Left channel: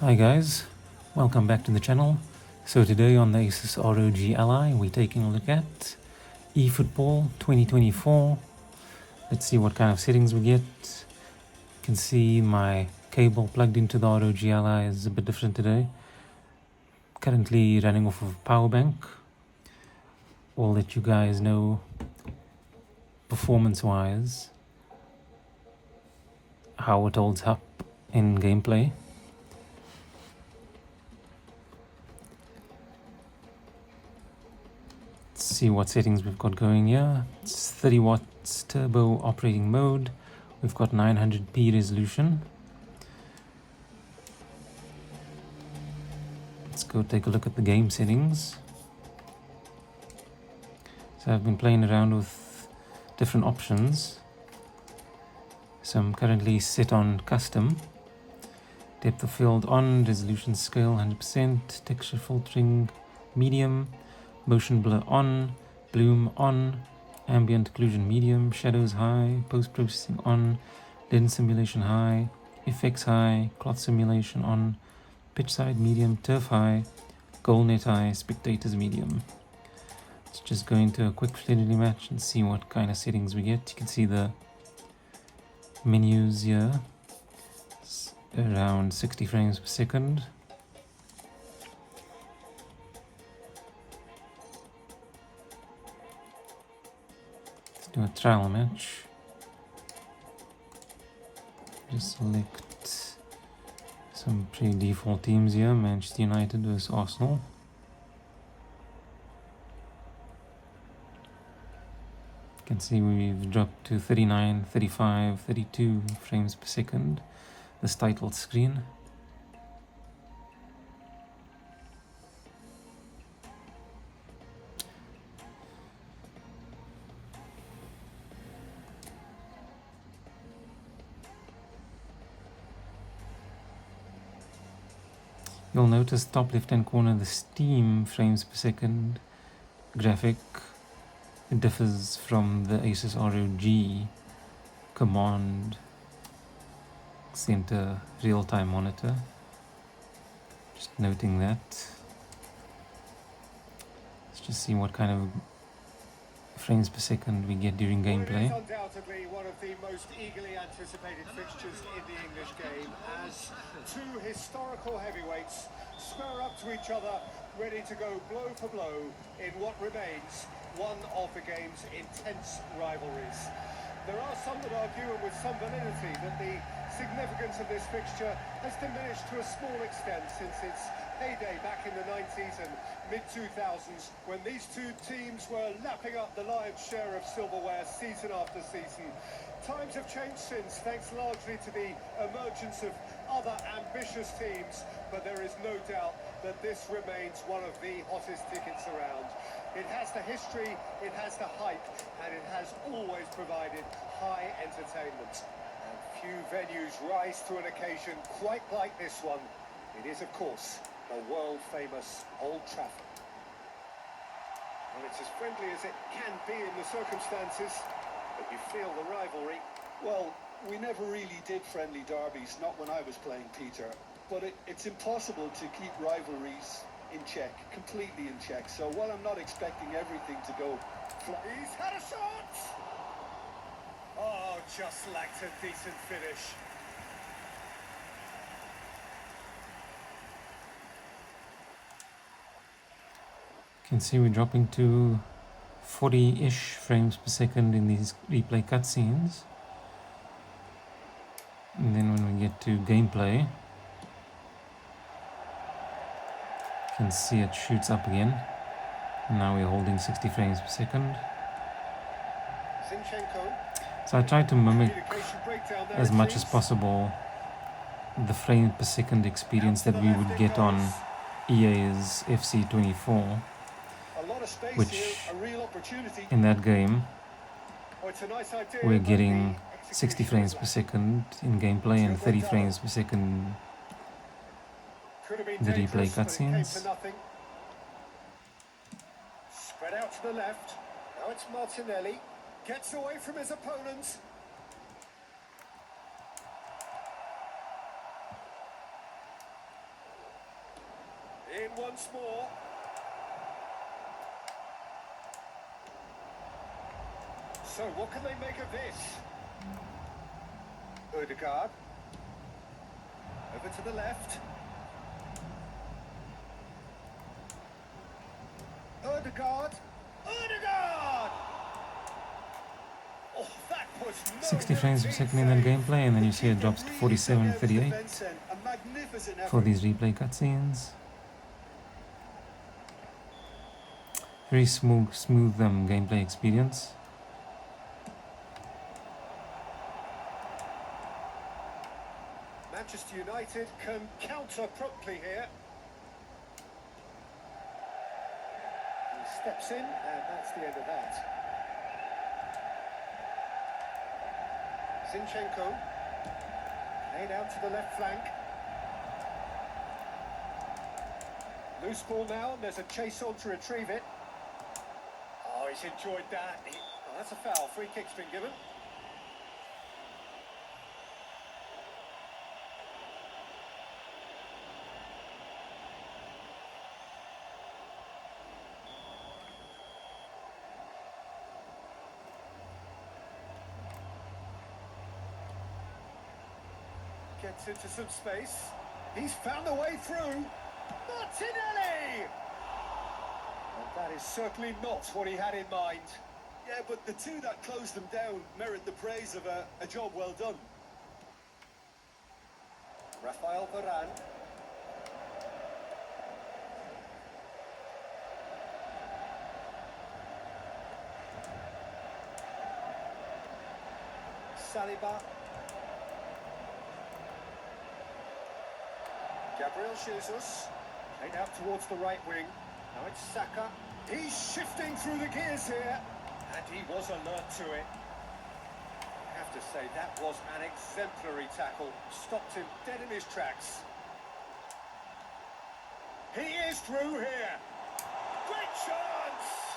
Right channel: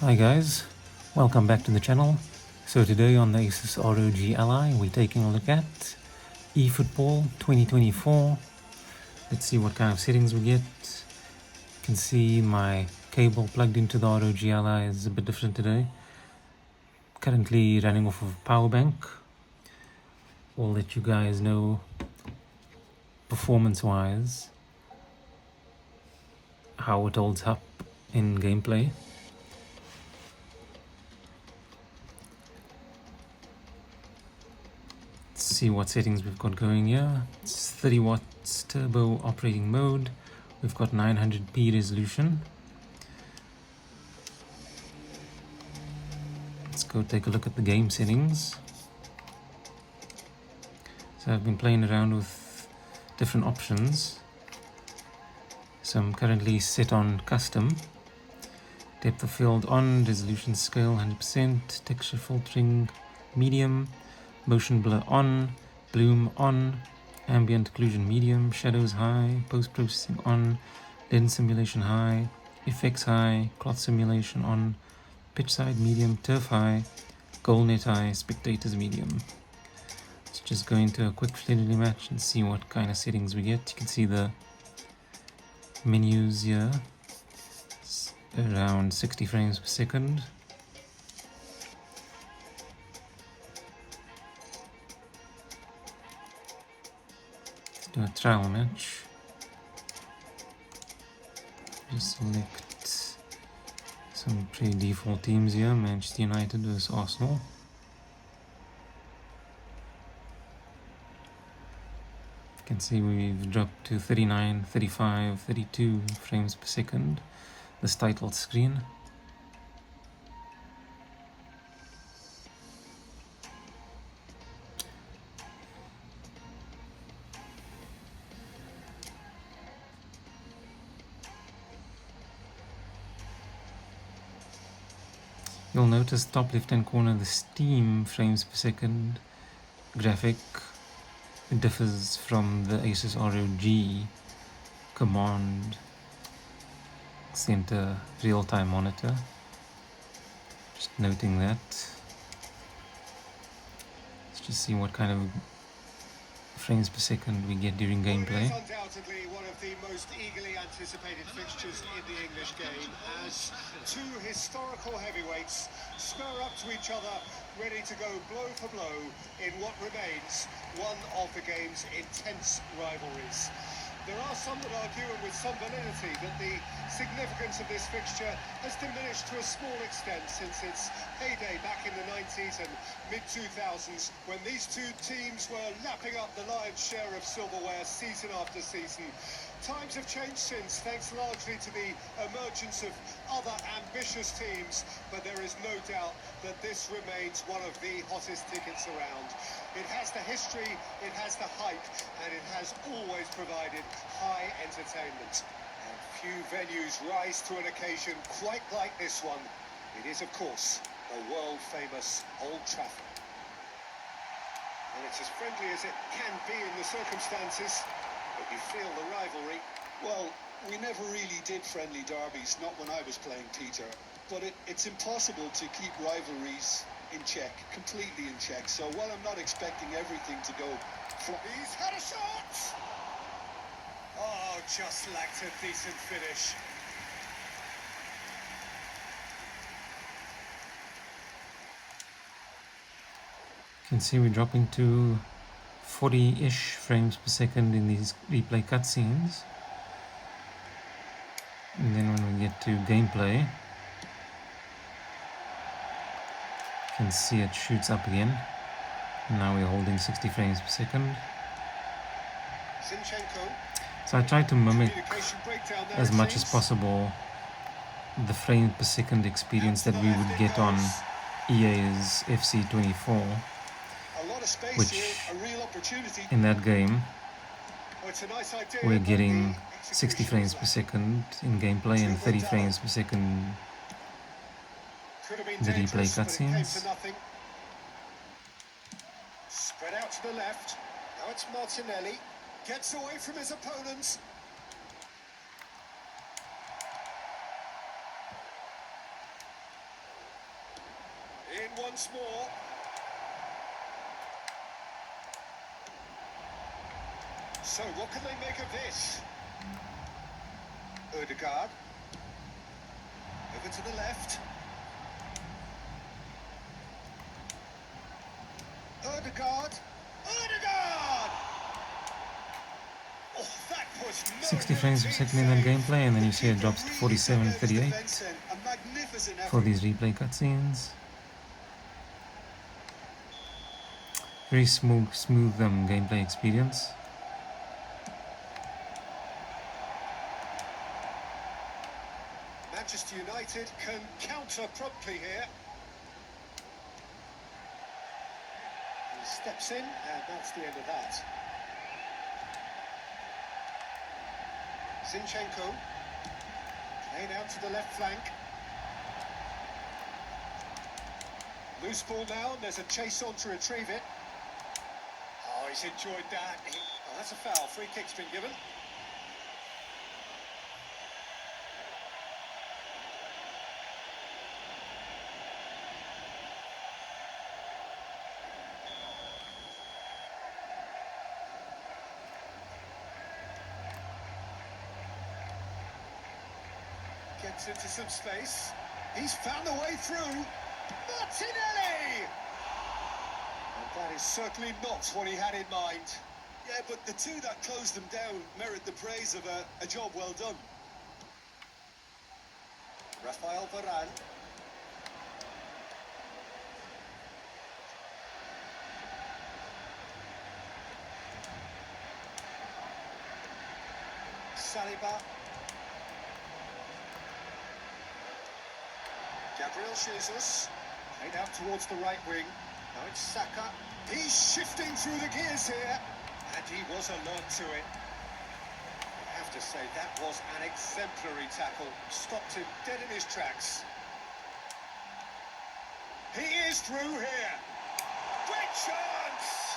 Hi guys, welcome back to the channel. So today on the ASUS ROG Ally, we're taking a look at eFootball 2024. Let's see what kind of settings we get. You can see my cable plugged into the ROG Ally is a bit different today. Currently running off of power bank. We'll let you guys know performance wise how it holds up in gameplay. See what settings we've got going here. It's 30 watts turbo operating mode. We've got 900p resolution. Let's go take a look at the game settings. So I've been playing around with different options. So I'm currently set on custom. Depth of field on, resolution scale 100%, texture filtering medium, motion blur on, bloom on, ambient occlusion medium, shadows high, post-processing on, lens simulation high, effects high, cloth simulation on, pitch side medium, turf high, goal net high, spectators medium. Let's just go into a quick friendly match and see what kind of settings we get. You can see the menus here, it's around 60 frames per second. Do a trial match. Just select some pre-default teams here. Manchester United versus Arsenal. You can see we've dropped to 39, 35, 32 frames per second. This title screen. You'll notice top left hand corner the Steam frames per second graphic. It differs from the ASUS ROG command center real-time monitor. Just noting that. Let's just see what kind of frames per second we get during gameplay. Well, it is undoubtedly one of the most eagerly anticipated fixtures in the English game as two historical heavyweights spur up to each other, ready to go blow for blow in what remains one of the game's intense rivalries. There are some that argue, and with some validity, that the significance of this fixture has diminished to a small extent since its heyday back in the 90s and mid-2000s, when these two teams were lapping up the lion's share of silverware season after season. Times have changed since, thanks largely to the emergence of other ambitious teams, but there is no doubt that this remains one of the hottest tickets around. It has the history, it has the hype, and it has always provided high entertainment. And few venues rise to an occasion quite like this one. It is, of course, the world-famous Old Trafford. And it's as friendly as it can be in the circumstances, but you feel the rivalry. Well, we never really did friendly derbies, not when I was playing, Peter. But it's impossible to keep rivalries in check, completely in check. So while I'm not expecting everything to go... He's had a shot! Oh, just lacked a decent finish. You can see we're dropping to 40-ish frames per second in these replay cutscenes. And then when we get to gameplay, you can see it shoots up again. Now we're holding 60 frames per second. Zinchenko. So I try to mimic Communication breakdown there, as it much as seems. possible the frame per second experience that we would get on EA's FC24, A lot of space which here, a real opportunity. in that game Oh, it's a nice idea, we're but getting the 60 execution frames was per lacking. second in gameplay and 30 frames per second Could have been the replay dangerous, but it came cutscenes. to nothing. Spread out to the left. Now it's Martinelli. Gets away from his opponents. in once more. So what can they make of this? Odegaard. Over to the left. Odegaard. Odegaard! Oh, that puts no 60 frames per routine second in that save. gameplay, and then you see it The drops to keeper 47 really and took out his 38 defence end. A magnificent for effort. these replay cutscenes. Very smooth gameplay experience. Manchester United can counter promptly here. He steps in, and that's the end of that. Zinchenko, played out to the left flank. Loose ball now, and there's a chase on to retrieve it. Oh, he's enjoyed that. Oh, that's a foul. Free kick's been given. Gets into some space. He's found a way through. Martinelli! And that is certainly not what he had in mind. Yeah, but the two that closed them down merit the praise of a job well done. Rafael Varane. Saliba. Gabriel Jesus. Played out towards the right wing. Now it's Saka. He's shifting through the gears here. And he was alert to it. I have to say, that was an exemplary tackle. Stopped him dead in his tracks. He is through here. Great chance!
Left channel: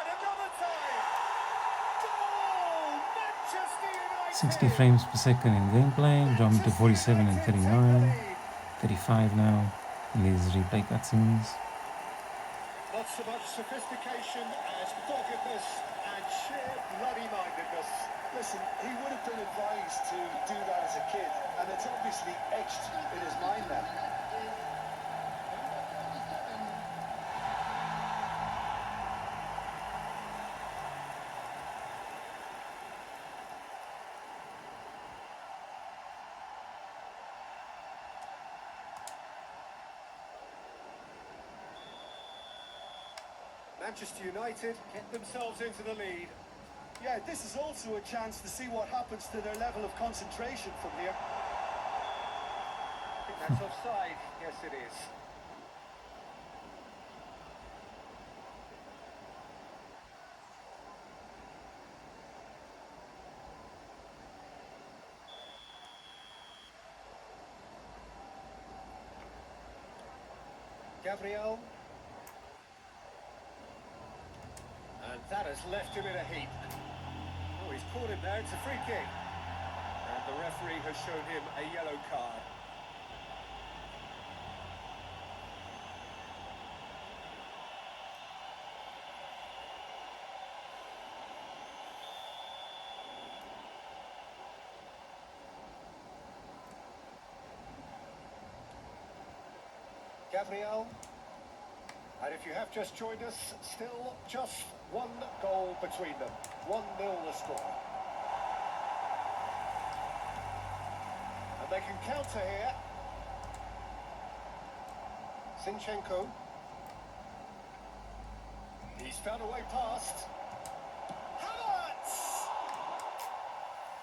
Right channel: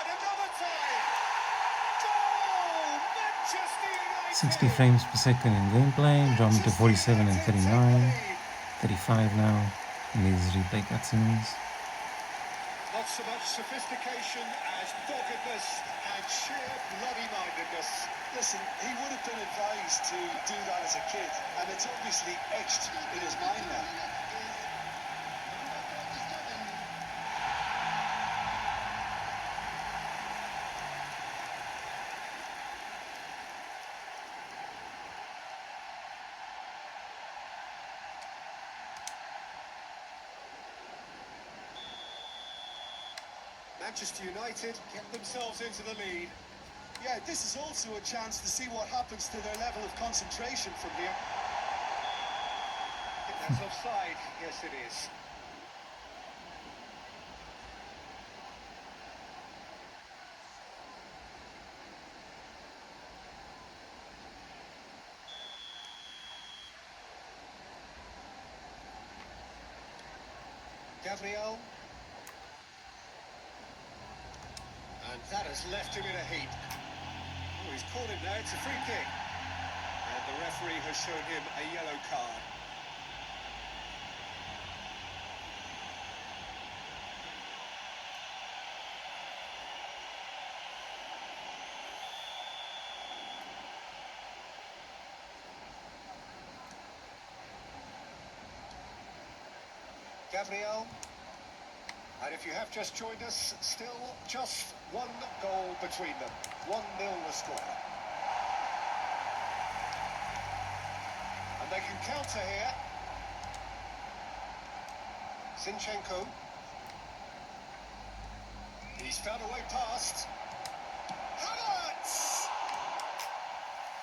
And another time. Goal! Manchester United! 60 frames per second in gameplay, dropping to 47 and 39, 35 now in these replay cutscenes. Not so much sophistication as doggedness and sheer bloody-mindedness. Listen, he would have been advised to do that as a kid, and it's obviously etched in his mind now. Manchester United get themselves into the lead. Yeah, this is also a chance to see what happens to their level of concentration from here. I think that's offside. Yes, it is. Gabriel. And that has left him in a heap. Oh, he's caught him there. It's a free kick. And the referee has shown him a yellow card. Gabriel. And if you have just joined us, still just one goal between them. 1-0 the score. And they can counter here. Zinchenko. He's found a way past. Havertz!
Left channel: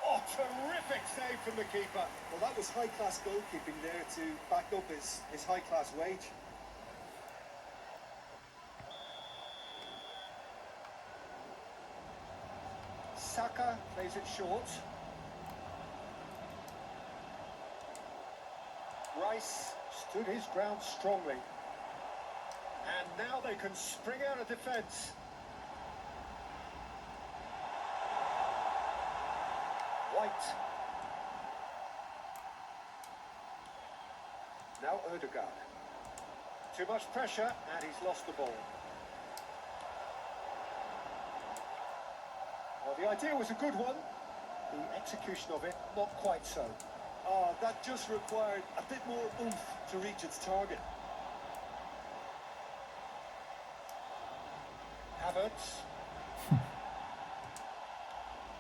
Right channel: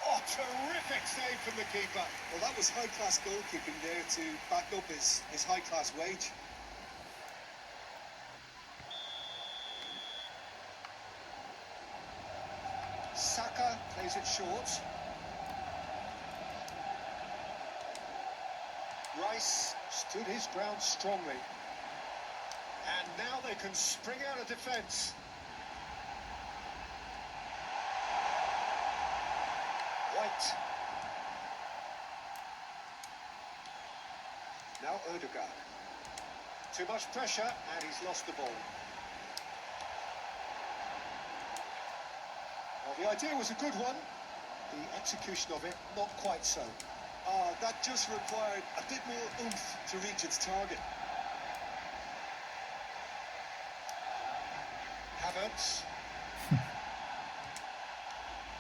Oh, terrific save from the keeper. Well, that was high-class goalkeeping there to back up his high-class wage. Saka plays it short. Rice stood his ground strongly. And now they can spring out of defence. White. Now Odegaard. Too much pressure, and he's lost the ball. Well, the idea was a good one. The execution of it, not quite so. Oh, that just required a bit more oomph to reach its target. Havertz.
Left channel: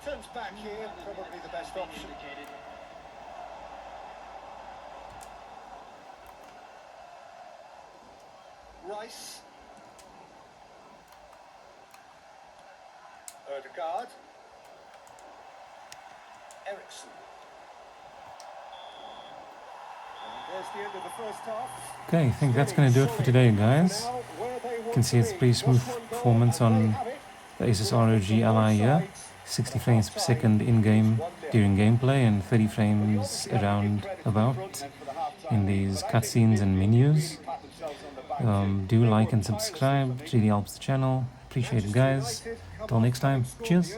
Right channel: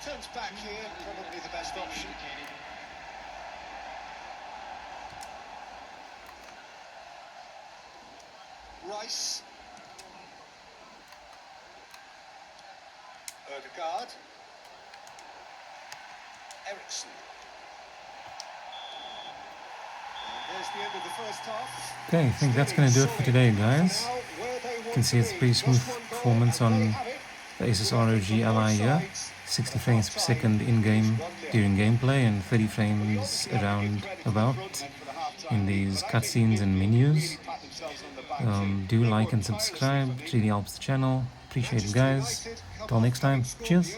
Turns back here, probably the best option. Rice. Ødegaard. Ericsson. And there's the end of the first half. Okay, I think that's going to do it for today, guys. You can see it's a pretty smooth performance on the ASUS ROG Ally here. 60 frames per second in-game during gameplay and 30 frames around about in these cutscenes and menus. Do like and subscribe, it really helps the channel. Appreciate it, guys. Till next time, cheers.